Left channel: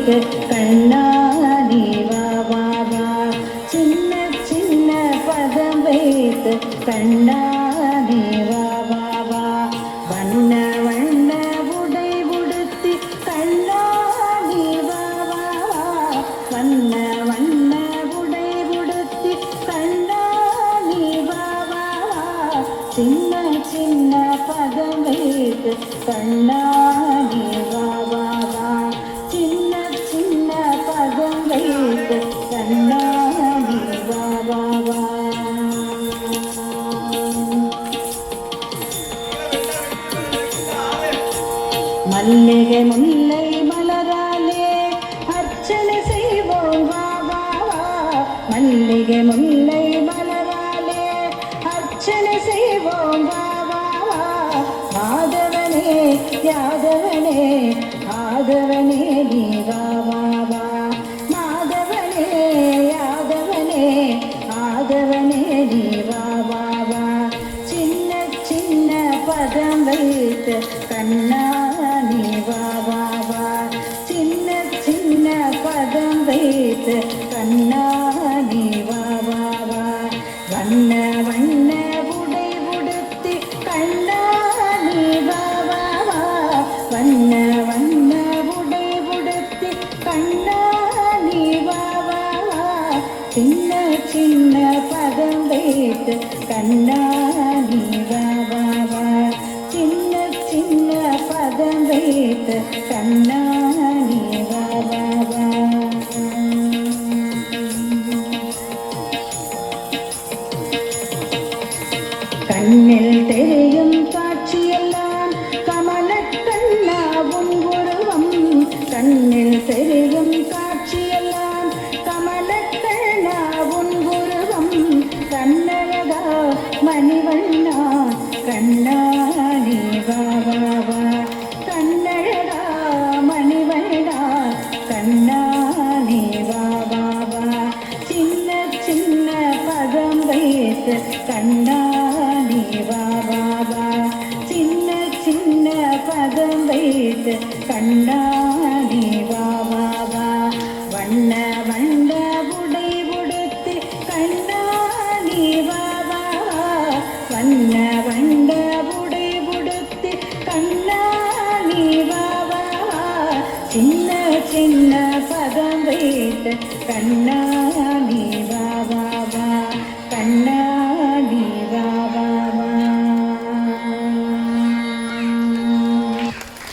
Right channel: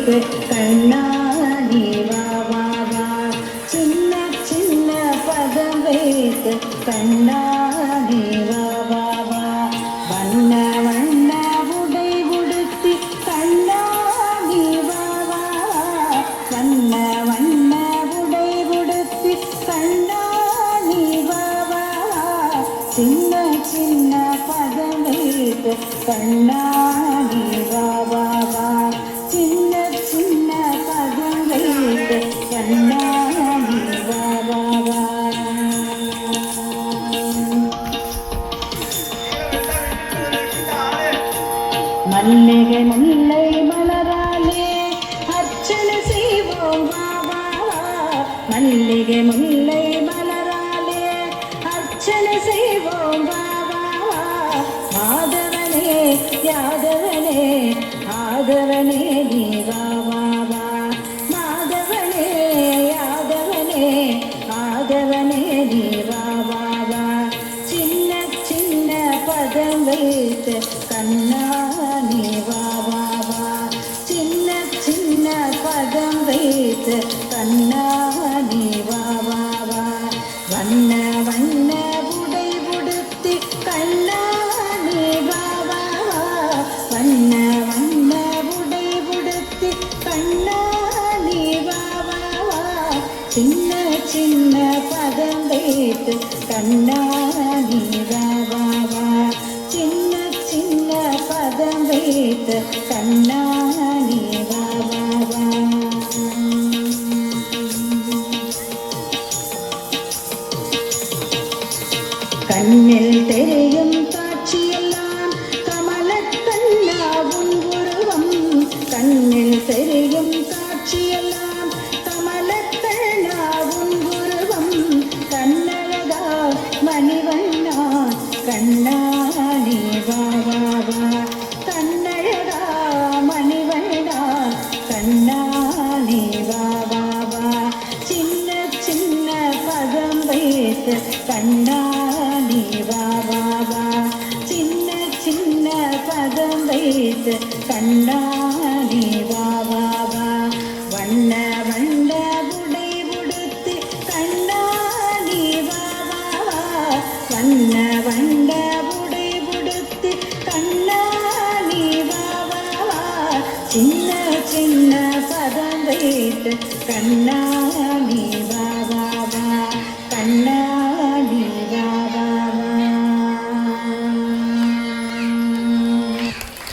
வைத்து கண்ணாடி வா வா வா சின்ன சின்ன பதம் வைத்து கண்ணாடி வா வா வா வண்ண வண்ண உடை உடுத்தி கண்ணாடி வா வா வா வண்ண வண்ண உடை உடுத்தி கண்ணாடி வா வா வா சின்ன சின்ன பதம் வைத்து கண்ணாடி வா வா வா சின்ன சின்ன பதம் வைத்து கண்ணாடி வா வா வா மல்லிகை முல்லை மலராலே அர்ச்சனை செய்வோம் வா வா வா மல்லிகை முல்லை மலராலே அர்ச்சனை செய்வோம் வா வா வா மாதவனே யாதவனே ஆதவனே நீ வா வா வா மாதவனே யாதவனே ஆதவனே நீ வா வா வா சின்ன சின்ன பதம் வைத்து கண்ணா நீ வா வா வா சின்ன சின்ன பதம் வைத்து கண்ணா நீ வா வா வா வண்ண வண்ண உடை உடுத்தி கண்ணா நீ வா வா வா வண்ண வண்ண உடை உடுத்தி கண்ணா நீ வா வா வா சின்ன சின்ன பதம் வைத்து கண்ணா நீ வா வா வா சின்ன சின்ன பதம் வைத்து கண்ணா நீ வா வா வா கண்ணில் தெரியும் காட்சியெல்லாம் கமலக்கண்ணா உன் உருவம் கண்ணில் தெரியும் காட்சியெல்லாம் கமலக்கண்ணா உன் உருவம் கண்ணழகா மணிவண்ணா கண்ணா நீ வா வா வா கண்ணழகா மணிவண்ணா கண்ணா நீ வா வா வா சின்ன சின்ன பதம் வைத்து கண்ணா நீ வா வா வா சின்ன சின்ன பதம் வைத்து கண்ணா நீ வா வா வா வண்ண வண்ண உடை உடுத்தி கண்ணா நீ வா வா வா வண்ண வண்ண உடை உடுத்தி கண்ணா நீ வா வா வா சின்ன சின்ன பதம் வைத்து கண்ணா